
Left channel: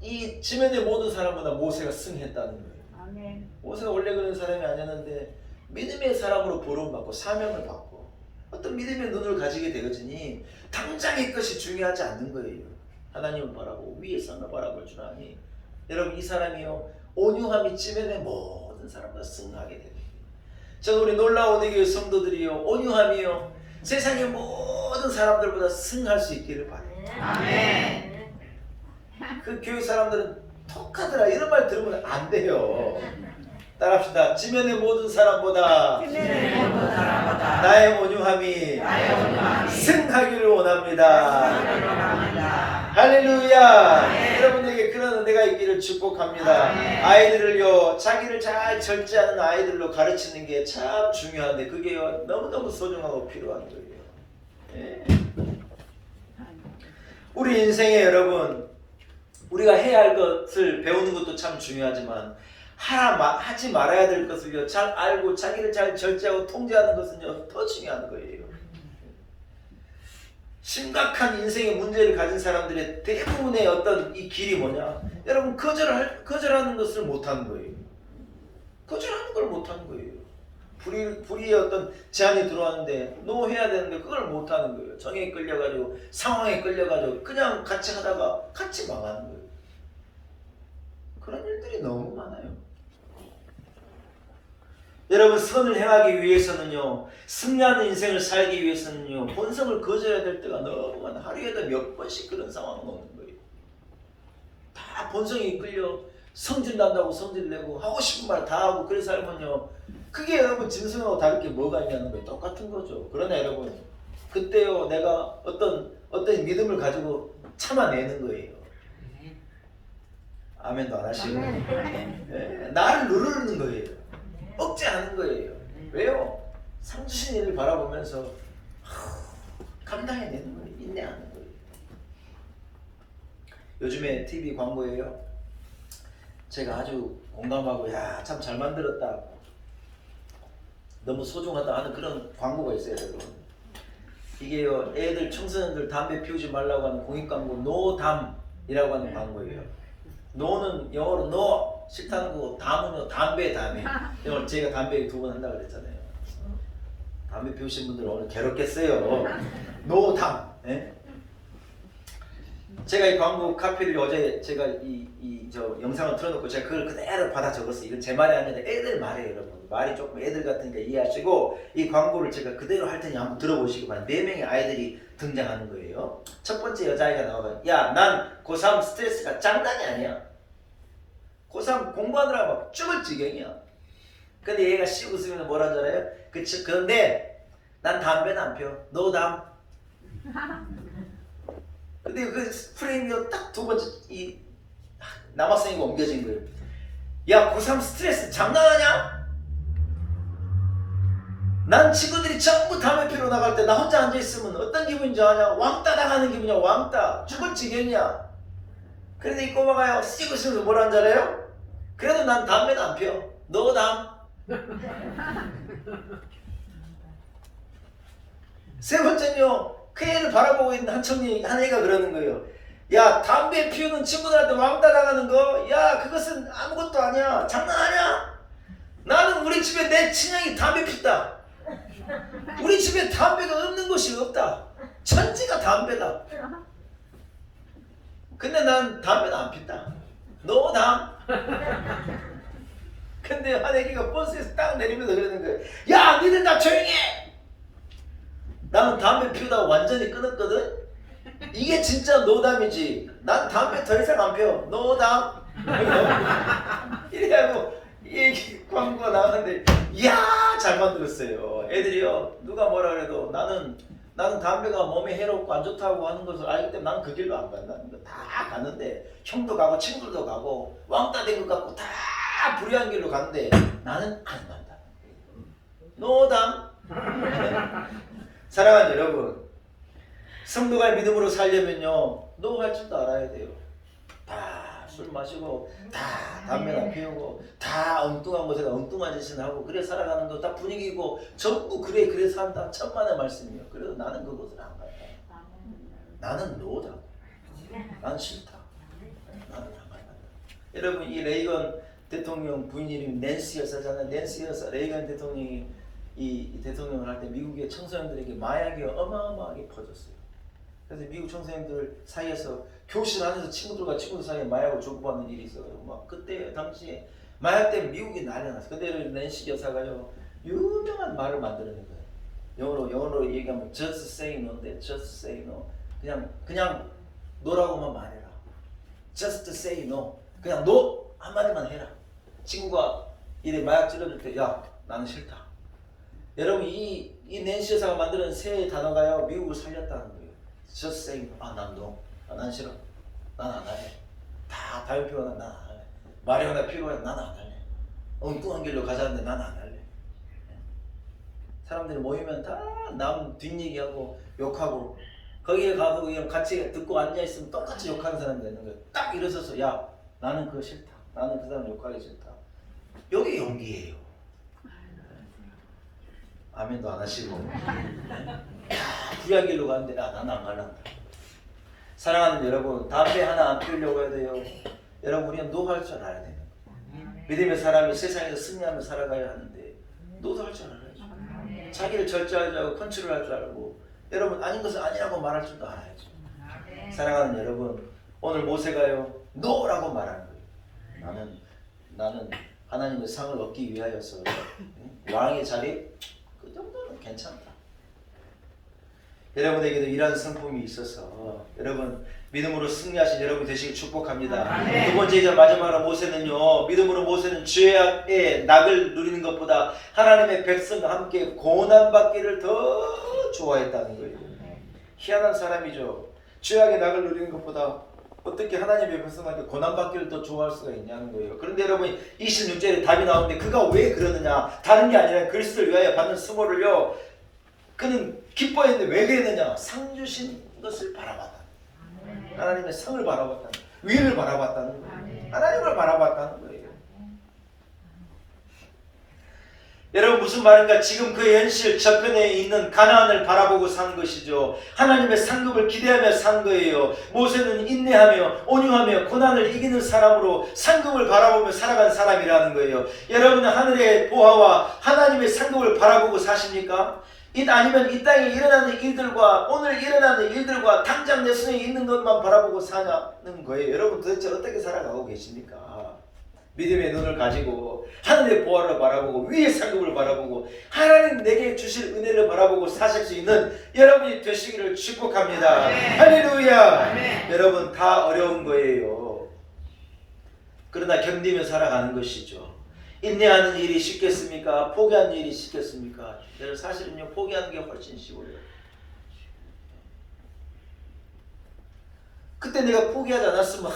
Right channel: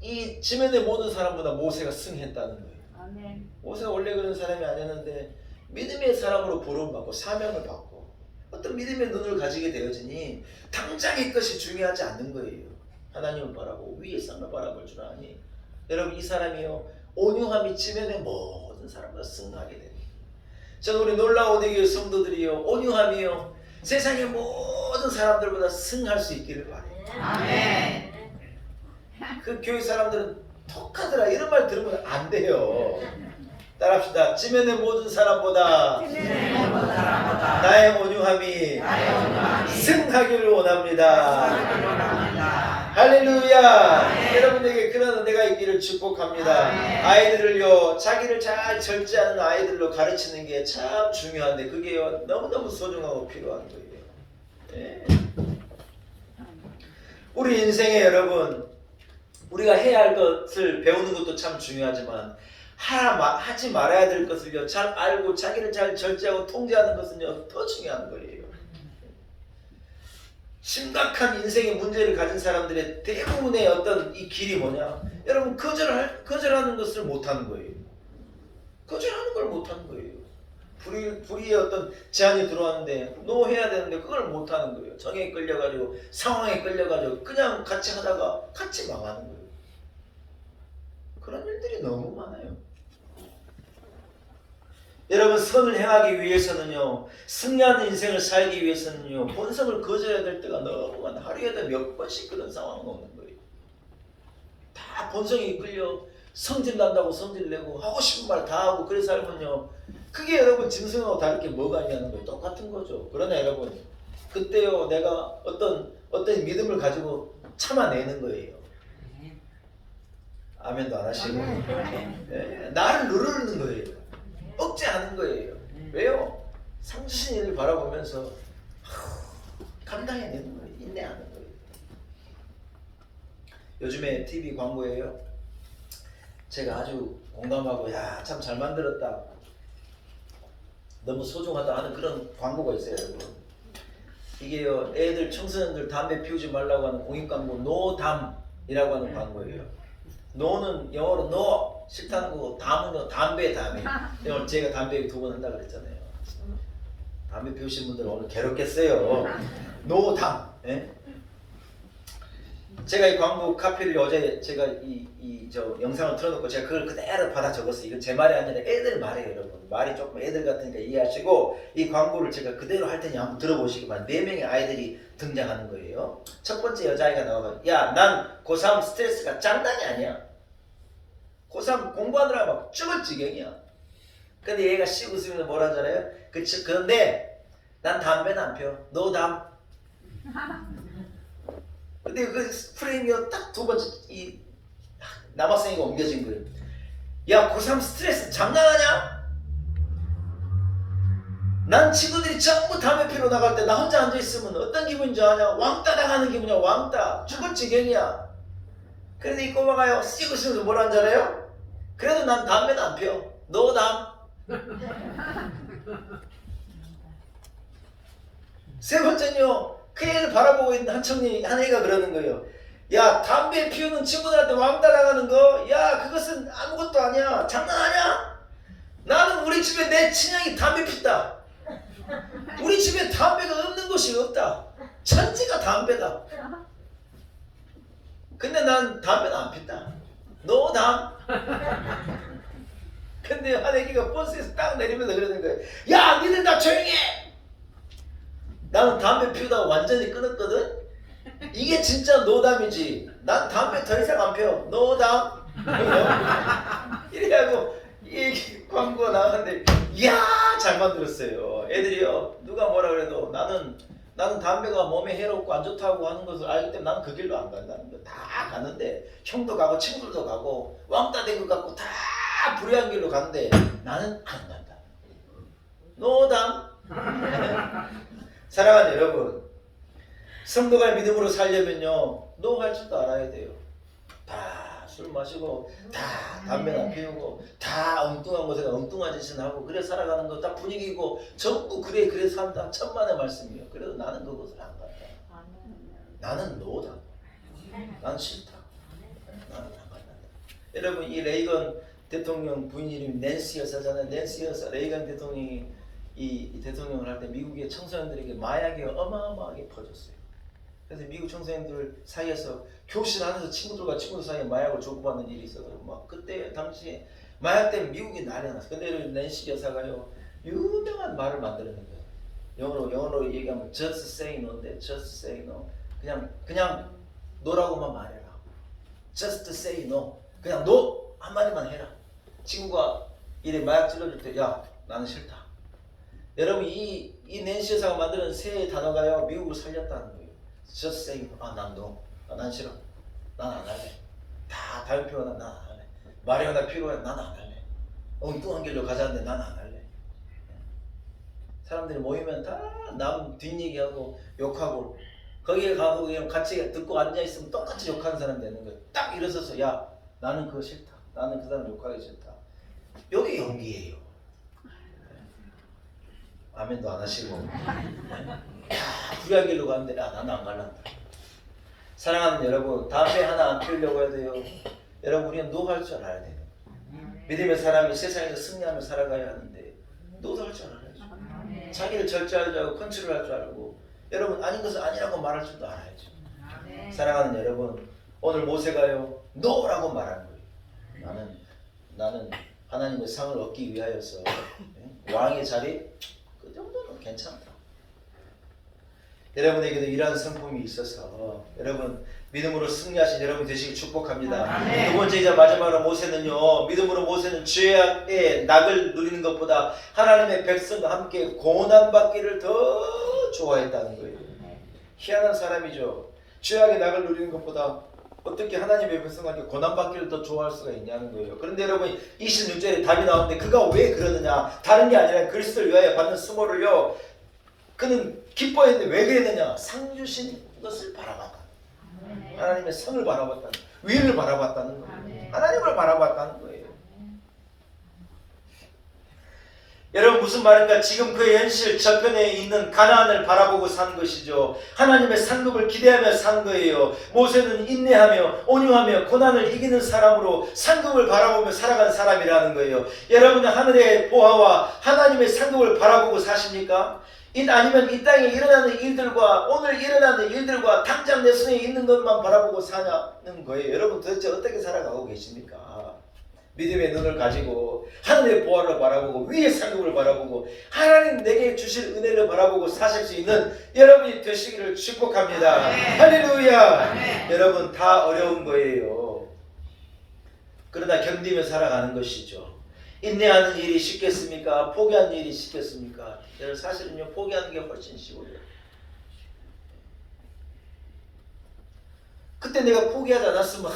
이 지면의 모든 사람보다 모세가 승했다는 거예요. 아멘. 모세가 원래 그런 사람이 아니었는데 믿음의 사람으로 부름받고 사명을 받고 어떤 믿음의 눈을 가지게 되어지니 당장 이 것이 중요하지 않는 거예요. 하나님을 바라보고 위에서만 바라볼 줄 아니, 여러분, 이 사람이요 온유함이 지면의 모든 사람보다 승하게 됩니다. 저는 우리 놀라운 교회 성도들이요, 온유함이요 세상의 모든 사람들보다 승할 수 있기를 바라요. 아멘. 그 교회 사람들은 톡하더라 이런 말 들으면 안 돼요. 따라합시다. 지면의 모든 사람보다 나의 온유함이 승하기를 원합니다. 할렐루야. 여러분에게 그런 은혜가 있기를 축복합니다. 아이들을요, 자기를 잘 절제하는 아이들로 가르치는 게 참 중요한데 그게요 너무너무 소중하고 필요한 거예요. 예. 우리 인생에 여러분, 우리가 해야 할 것을 배우는 것도 참 중요하지만 하지 말아야 될 것을요 잘 알고 자기를 잘 절제하고 통제하는 것은요 더 중요한 거예요. 심각한 인생의 문제를 가진 사람들의 대부분의 어떤 이 길이 뭐냐? 여러분, 거절하는 것을 못하는 거예요. 거절하는 걸 못하는 거예요. 불의의 어떤 제안이 들어왔는데 너 해야 되는데 그걸 못하는 거예요. 정에 끌려가지고 상황에 끌려가지고 그냥 같이 하다가 같이 망하는 거예요. 그런 일들이 너무 많아요. 여러분, 선을 행하기 위해서는요, 승리하는 인생을 살기 위해서는요, 본성을 거절해야 될 때가 너무 많아. 하루에도 몇 번씩 그런 상황이 오는 거예요. 다 본성이 끌려 성질 난다고 성질 내고 하고 싶은 말 다 하고 그래 살면요, 그게 여러분 짐승하고 다를 게 뭐가 있냐는 거예요. 똑같은 거죠. 그러나 여러분, 그때요 내가 어떤 믿음을 가지고 참아내는 거예요. 아멘도 안 하시고 네, 나를 누르는 거예요. 억제하는 거예요. 왜요? 상 주신 일을 바라보면서 감당해내는 거예요. 인내하는 거예요. 요즘에 TV 광고예요. 제가 아주 공감하고 야, 참 잘 만들었다, 너무 소중하다 하는 그런 광고가 있어요. 여러분, 이게요 애들 청소년들 담배 피우지 말라고 하는 공익 광고, 노담이라고 하는 광고예요. 노는 영어로 no 싫다는 거고, 담은요 담배. 오늘 제가 담배 2번 한다고 그랬잖아요. 담배 피우신 분들 오늘 괴롭겠어요. 노담. 예? 제가 이 광고 카피를 어제 제가 저 영상을 틀어놓고 제가 그걸 그대로 받아 적었어요. 이건 제 말이 아니라 애들 말이에요, 여러분. 말이 조금 애들 같으니까 이해하시고 이 광고를 제가 그대로 할 테니 한번 들어보시기 바랍니다. 4명의 아이들이 등장하는 거예요. 첫 번째 여자아이가 나와서 야, 난 고3 스트레스가 장난이 아니야. 고3 공부하느라 막 죽을 지경이야. 근데 얘가 씩 웃으면서 뭐라 하잖아요. 그런데 난 담배는 안 펴. 너 담. 근데 그 프레임이 딱 두 번째 이 남학생이가 옮겨진 거예요. 야, 고3 스트레스 장난하냐? 난 친구들이 전부 담배 피러 나갈 때 나 혼자 앉아있으면 어떤 기분인지 아냐? 왕따 당하는 기분이야. 왕따. 죽을 지경이야. 그런데 이 꼬마가요 씩 웃으면서 뭐라 하잖아요. 그래도 난 담배는 안 펴. 너 담. 세 번째는요. 그 애를 바라보고 있는 한 애가 그러는 거예요. 야, 담배 피우는 친구들한테 왕따 나가는 거, 야, 그것은 아무것도 아니야. 장난하냐? 나는 우리 집에 내 친형이 담배 피다. 우리 집에 담배가 없는 곳이 없다. 천지가 담배다. 근데 난 담배는 안 핀다. 너 담. 근데 한 애기가 버스에서 딱 내리면서 그러는 거예요. 야, 니들 다 조용히 해. 나는 담배 피우다가 완전히 끊었거든. 이게 진짜 노담이지. 난 담배 더 이상 안 피워. 노담. 이래가지고 이 광고가 나왔는데 이야 잘 만들었어요. 애들이요 누가 뭐라 그래도 나는 담배가 몸에 해롭고 안 좋다고 하는 것을 알기 때문에 나는 그 길로 안 간다는 거. 다 가는데 형도 가고 친구들도 가고 왕따 된 것 같고 다 불의한 길로 가는데 나는 안 간다. 노담. 사랑하는 여러분, 성도가 믿음으로 살려면요 노 할 줄도 알아야 돼요. 다 술 마시고 다 담배나 피우고 다 엉뚱한 곳에서 엉뚱한 짓을 하고 그래 살아가는 거 다 분위기고 전부 그래 산다. 천만의 말씀이요. 그래도 나는 그곳을 안 간다. 나는 노다. 난 싫다. 나는 안 간다. 여러분 이 레이건 대통령 부인 이름이 낸시 여사잖아요. 낸시 여사 레이건 대통령이 이 대통령을 할 때 미국의 청소년들에게 마약이 어마어마하게 퍼졌어요. 그래서 미국 청소년들 사이에서 교실 안에서 친구들 사이에 마약을 주고받는 일이 있어서 막 그때 당시에 마약 때문에 미국이 난리 났어요. 근데 낸시 여사가요 유명한 말을 만들어낸 거예요. 영어로 얘기하면 just say no인데 just say no. 그냥 노라고만 말해라. just say no. 그냥 no 한마디만 해라. 친구가 이래 마약 찔러줄 때 야 나는 싫다. 여러분 이 낸시 여사가 만드는 새 단어가요 미국을 살렸다는 거예요. just say no. 난 no. 난 싫어. 난 안 할래. 다 다른 필요나 난 안 할래. 말이 하나 필요해 난 안 할래. 엉뚱한 길로 가자는데 난 안 할래. 사람들이 모이면 다 남 뒷얘기하고 욕하고 거기에 가고 그냥 같이 듣고 앉아있으면 똑같이 욕하는 사람이 있는 거예요. 딱 일어서서 야 나는 그거 싫다. 나는 그 사람 욕하기 싫다. 여기 용기예요. 아멘도 안 하시고 불의한 길로 가는데 나는 안 갈란다. 사랑하는 여러분 담배 하나 안 피우려고 해도요 여러분 우리는 노 할 줄 알아야 돼요. 믿음의 사람이 세상에서 승리하며 살아가야 하는데 노도 할 줄 알아야죠. 자기를 절제할 줄 알고 컨트롤할 줄 알고 여러분 아닌 것을 아니라고 말할 줄도 알아야죠. 사랑하는 여러분 오늘 모세가요 노라고 말하는 거예요. 나는 하나님의 상을 얻기 위하여서 왕의 자리 그 정도는 괜찮다. 여러분에게도 이러한 성품이 있어서 여러분 믿음으로 승리하신 여러분 되시길 축복합니다. 두 번째이자 마지막으로 모세는요 믿음으로 모세는 죄악의 낙을 누리는 것보다 하나님의 백성과 함께 고난받기를 더 좋아했다는 거예요. 희한한 사람이죠. 죄악의 낙을 누리는 것보다 어떻게 하나님의 백성한테 고난받기를 더 좋아할 수가 있냐는 거예요. 그런데 여러분 26절에 답이 나오는데 그가 왜 그러느냐 다른 게 아니라 그리스도를 위하여 받는 수모를요 그는 기뻐했는데 왜 그랬느냐 상 주신 것을 바라봤다. 하나님의 성을 바라봤다는 거예요. 위를 바라봤다는 거예요. 하나님을 바라봤다는 거예요. 여러분 무슨 말인가 지금 그 현실 저편에 있는 가나안을 바라보고 산 것이죠. 하나님의 상급을 기대하며 산 거예요. 모세는 인내하며 온유하며 고난을 이기는 사람으로 상급을 바라보며 살아간 사람이라는 거예요. 여러분은 하늘의 보화와 하나님의 상급을 바라보고 사십니까? 아니면 이 땅에 일어나는 일들과 오늘 일어나는 일들과 당장 내 손에 있는 것만 바라보고 사냐는 거예요. 여러분 도대체 어떻게 살아가고 계십니까? 믿음의 눈을 가지고 하늘의 보화를 바라보고 위의 상급을 바라보고 하나님 내게 주실 은혜를 바라보고 사실 수 있는 여러분이 되시기를 축복합니다. 할렐루야. 여러분 다 어려운 거예요. 그러나 견디며 살아가는 것이죠. 인내하는 일이 쉽겠습니까? 포기하는 일이 쉽겠습니까? 여러분 사실은요, 포기하는 게 훨씬 쉬워요. 그때 내가 포기하지 않았으면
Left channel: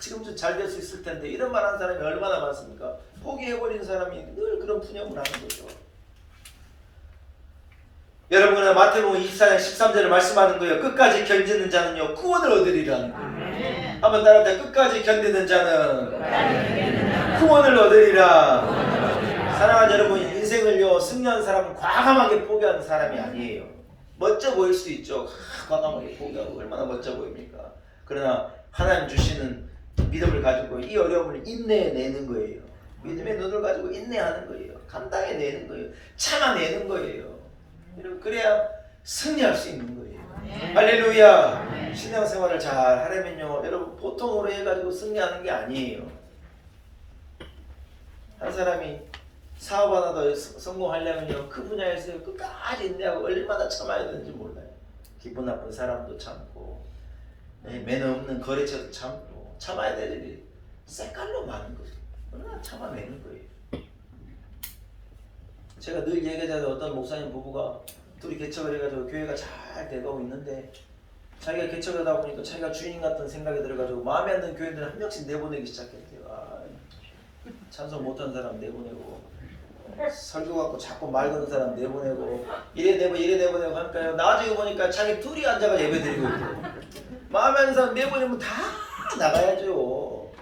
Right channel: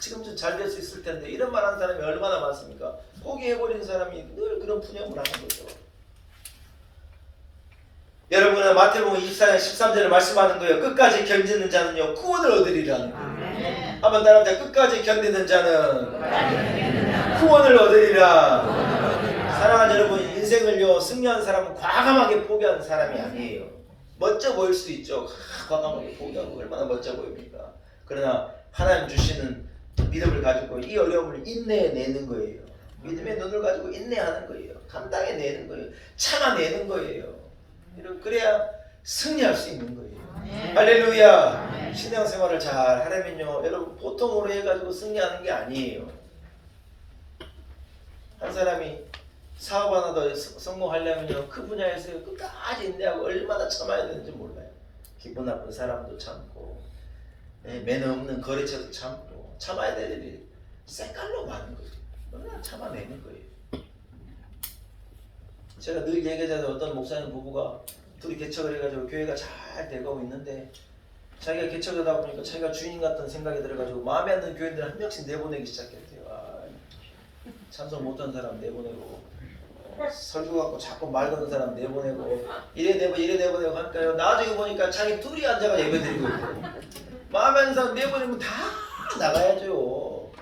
지금 좀 잘 될 수 있을 텐데 이런 말 하는 사람이 얼마나 많습니까? 포기해버리는 사람이 늘 그런 푸념을 하는 거죠. 여러분은 마태복음 24장 13절에 말씀하는 거예요. 끝까지 견디는 자는요 구원을 얻으리라는 거예요. 한번 따라합니다. 끝까지 견디는 자는 구원을 얻으리라. 사랑하는 여러분, 인생을요 승리하는 사람은 과감하게 포기하는 사람이 아니에요. 멋져 보일 수 있죠. 과감하게 포기하고 얼마나 멋져 보입니까? 그러나 하나님 주시는 믿음을 가지고 이 어려움을 인내해내는 거예요. 믿음의 눈을 가지고 인내하는 거예요. 감당해내는 거예요. 참아내는 거예요. 그래야 승리할 수 있는 거예요. 할렐루야. 신앙생활을 잘 하려면요 여러분 보통으로 해가지고 승리하는 게 아니에요. 한 사람이 사업 하나 더 성공하려면요 그 분야에서 끝까지 인내하고 얼마나 참아야 되는지 몰라요. 기분 나쁜 사람도 참고 매너 없는 거래처도 참고 참아야 될 일이 색깔로 많은 거죠. 얼마나 참아내는 거예요. 제가 늘 얘기하자면 어떤 목사님 부부가 둘이 개척을 해가지고 교회가 잘 돼가고 있는데 자기가 개척하다 보니까 자기가 주인 같은 생각이 들어가지고 마음에 안 드는 교인들 한 명씩 내보내기 시작했대요. 찬송 못한 사람 내보내고 설교 갖고 자꾸 말 거는 사람 내보내고 이래 내보내고 하니까요. 나중에 보니까 자기 둘이 앉아가 예배드리고 있대요. 마음에 안 드는 사람 내보내면 다 나가야죠.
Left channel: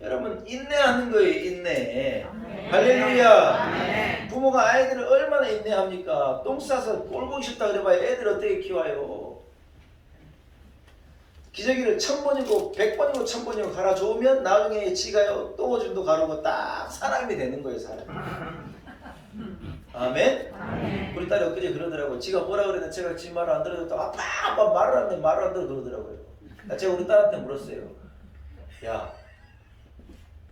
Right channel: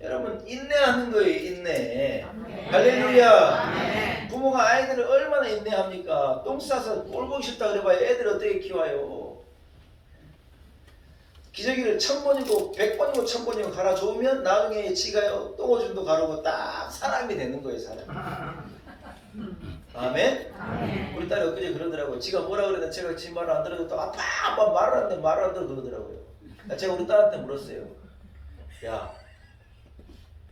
여러분 인내하는 거예요. 인내. 할렐루야. 부모가 아이들을 얼마나 인내합니까? 똥 싸서 꼴 보기 싫다 그래봐야 애들 어떻게 키워요? 기저귀를 1000번이고 100번이고 1000번이고 갈아주우면 나중에 지가요 똥오줌도 가르고 딱 사람이 되는 거예요. 사람. 아멘? 우리 딸이 엊그제 그러더라고요. 지가 뭐라 그랬는데 제가 지 말을 안 들어줬다고 아빠 말을 안 들어 그러더라고요. 제가 우리 딸한테 물었어요. 야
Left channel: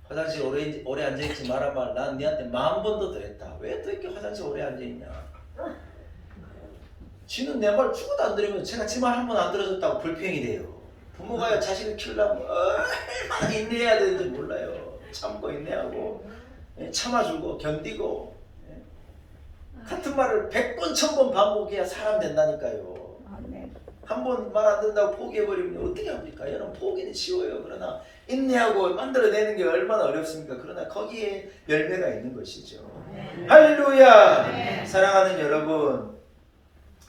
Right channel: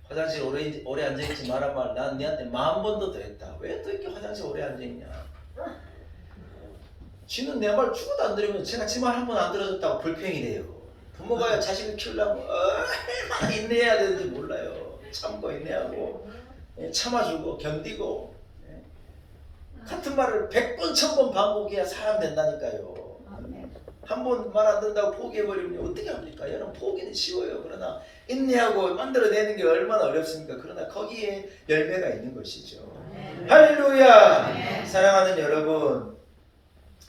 화장실 오래 앉아있지 마라 말. 난 니한테 10,000번도 더 했다. 왜 또 이렇게 화장실 오래 앉아있냐. 쥐는 내 말 죽어도 안 들으면 제가 지 말 한 번 안 들어줬다고 불평이래요. 부모가 자식을 키우려면 얼마나 인내해야 되는지 몰라요. 참고 인내하고 참아주고 견디고 같은 말을 100번 1000번 반복해야 사람 된다니까요. 한 번 말 안 된다고 포기해버리면 어떻게 합니까? 여러분 포기는 쉬워요. 그러나 인내하고 만들어내는 게 얼마나 어렵습니까? 그러나 거기에 열매가 있는 것이죠. 할렐루야. 사랑하는 여러분,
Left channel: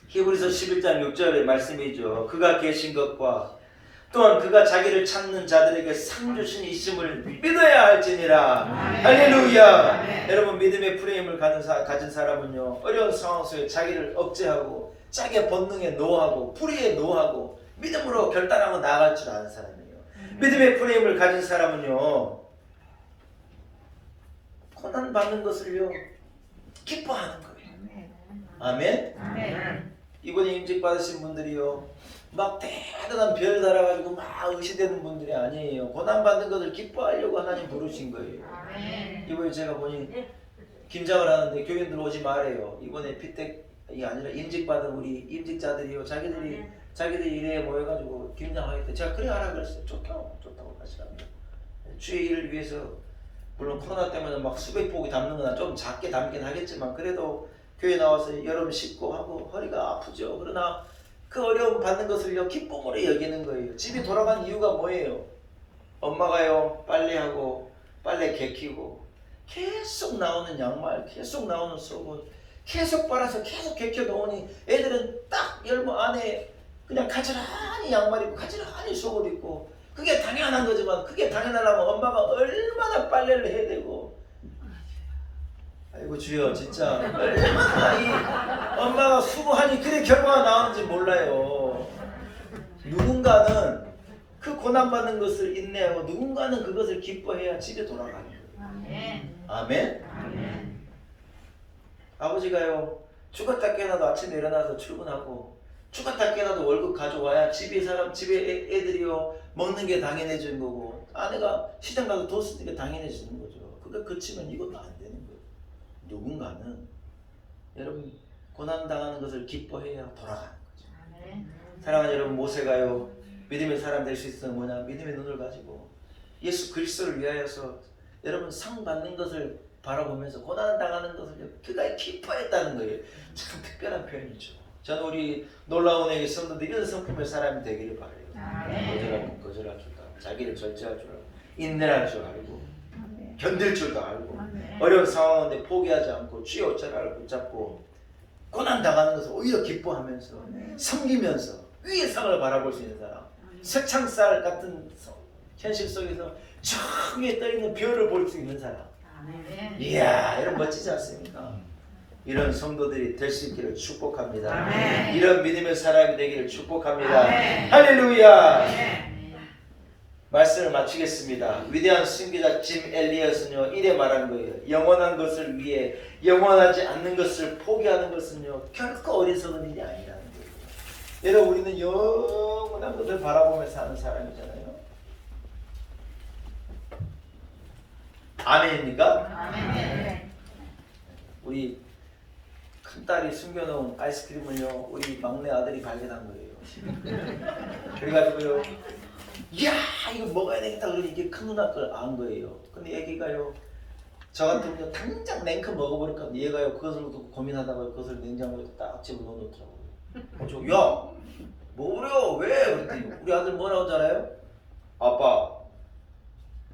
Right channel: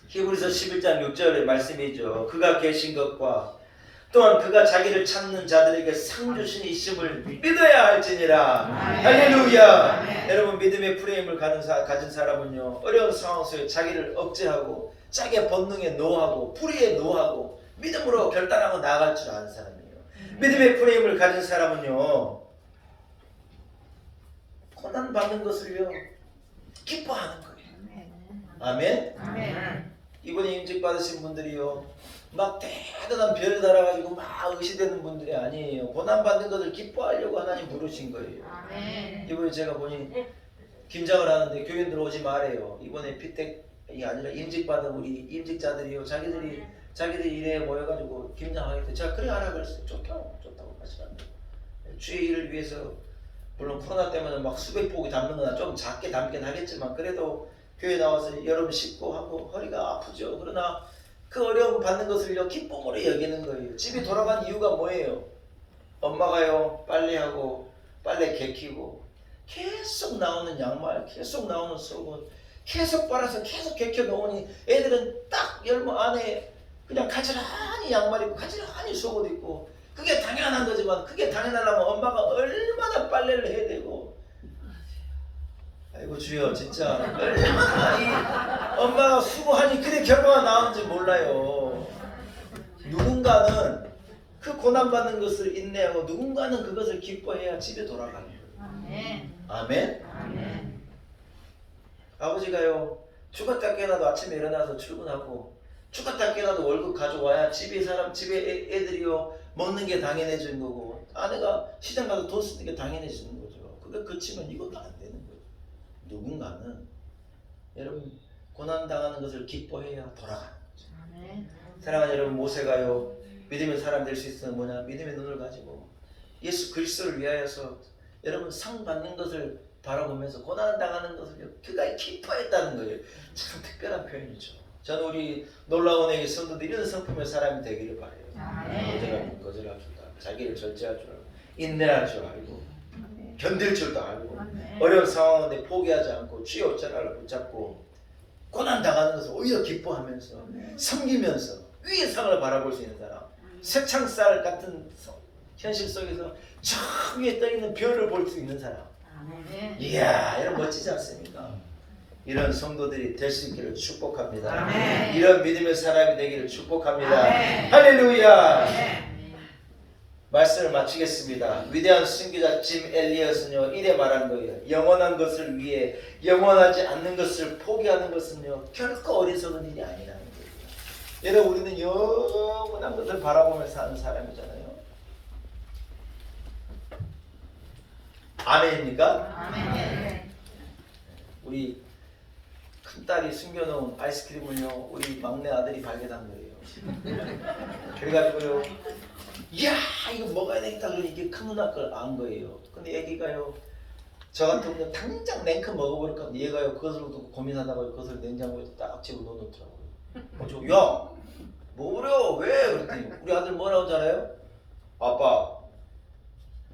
히브리서 11장 6절의 말씀이죠. 그가 계신 것과 또한 그가 자기를 찾는 자들에게 상 주신 있음을 믿어야 할지니라. 할렐루야. 여러분 믿음의 프레임을 가진 사람은요 어려운 상황 속에 자기를 억제하고 자기의 본능에 노하고 불의에 노하고 믿음으로 결단하고 나아갈 줄 아는 사람이에요. 믿음의 프레임을 가진 사람은요 고난 받는 것을요 기뻐하는 거예요. 아멘. 이번에 임직 받으신 분들이요 막 대단한 별 달아가지고 막 의시되는 분들이 아니에요. 고난 받는 것을 기뻐하려고 하나님 부르신 거예요. 이번에 제가 보니 김장을 하는데 교인들 오지 말아요. 이번에 피택이 아니라 임직 받은 우리 임직자들이요 자기들이 일에 모여가지고 김장하겠다. 제가 그래 하라 그랬어요. 좋다고 하시랍니다. 주의 일을 위해서 물론 코로나 때문에 막 수백 복이 담는 건 좀 작게 담긴 하겠지만 그래도 교회 나와서 여름 씻고 하고 허리가 아프죠. 그러나 그 어려움 받는 것을요 기쁨으로 여기는 거예요. 집이 돌아간 이유가 뭐예요? 엄마가요 빨래하고 빨래 개키고 계속 나오는 양말, 계속 나오는 속옷 계속 빨아서 계속 개켜 놓으니 애들은 딱 열무 안에 그냥 가지런히 양말 입고 가지런히 속옷 입고 그게 당연한 거지만 그게 당연하려면 엄마가 얼마나 빨래를 해야 되고 아이고 주여 진짜 얼마나 이 엄마가 수고하니 그래 결과가 나오는지 몰라요. 누군가는 그 고난받는 것을 인내하고 누군가는 그것을 기뻐해야 집에 돌아가요. 아멘. 아버지가요 죽었다 깨어나도 아침에 일어나서 출근하고 죽었다 깨어나도 월급 가져와야 집에 애들이요 먹는 게 당연해지는 거고 아내가 시장 가서 돈 쓰는 게 당연해지는 거죠. 그게 그치면 이것도 안 되는 거예요. 누군가는 여러분 고난당하는 것을 기뻐해야 돌아가는 거죠. 사랑하는 여러분, 모세가요 믿음의 사람 될 수 있는 뭐냐? 믿음의 눈을 가지고 예수 그리스도를 위하여서 여러분 상 받는 것을 바라보면서 고난당하는 것을 그가 기뻐했다는 거예요. 참 특별한 표현이죠. 저는 우리 놀라운 애의 성도들이 이런 성품의 사람이 되기를 바라요. 거절할 줄도 알고 자기를 절제할 줄 알고 인내할 줄 알고 견딜 줄도 알고 어려운 상황인데 포기하지 않고 주의 옷자락을 붙잡고 고난당하는 것을 오히려 기뻐하면서 섬기면서 위의 상을 바라볼 수 있는 사람, 새창살 같은 현실 속에서 저 위에 떠있는 별을 볼 수 있는 사람. 이야, 이런 멋지지 않습니까? 이런 성도들이 될 수 있기를 축복합니다. 아멘. 이런 믿음의 사람이 되기를 축복합니다. 아멘. 할렐루야. 아멘. 말씀을 마치겠습니다. 위대한 승기자 짐 엘리엇은요 이래 말한 거예요. 영원한 것을 위해 영원하지 않는 것을 포기하는 것은요 결코 어리석은 일이 아니라는 거예요. 여러분, 우리는 영원한 것을 바라보며 사는 사람이잖아요. 아멘입니까? 아멘. 우리 큰딸이 숨겨놓은 아이스크림을요 우리 막내 아들이 발견한 거예요. 그래가지고요 이야 이거 먹어야 되겠다 그러니 이게 큰 누나 걸 안 거예요. 근데 애기가요 저 같으면 당장 냉큼 먹어버릴까 하는데 얘가요 그것을 두고 고민하다가 그것을 냉장고에 딱 집어넣어놓더라고요. 야 먹으려 왜? 그랬더니 우리 아들 뭐라고 하잖아요. 아빠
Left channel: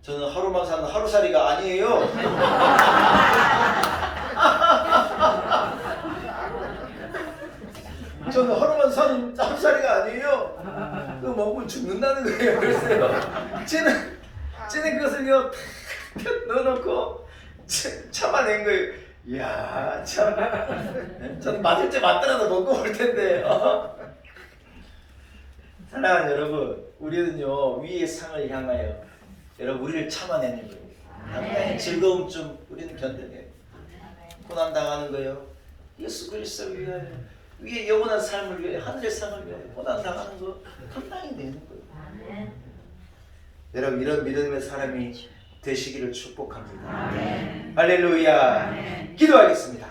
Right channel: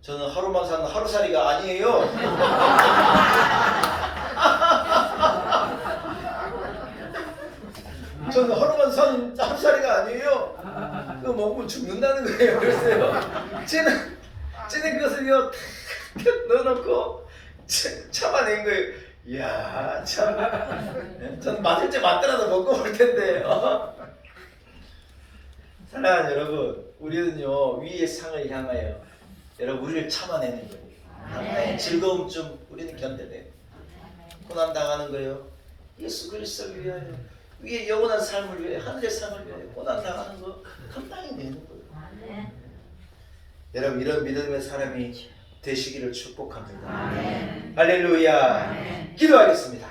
저는 하루만 사는 하루살이가 아니에요. 저는 하루만 사는 하루살이가 아니에요. 그거 먹으면 죽는다는 거예요. 그랬어요. 쟤는 그것을요 탁 넣어놓고 참아낸 거예요. 이야 참 저는 맞을 때 맞더라도 먹고 올 텐데. 사랑하는 여러분, 우리는요 위의 상을 향하여 여러분 우리를 참아내는 거예요. 즐거움 좀 우리는 견뎌내요. 고난 당하는 거예요. 예수 그리스도를 위하여 위에 영원한 삶을 위해 하늘의 삶을 위해 고난 당하는 거 감당이 되는 거예요. 여러분 이런 믿음의 사람이 되시기를 축복합니다. 할렐루야. 기도하겠습니다.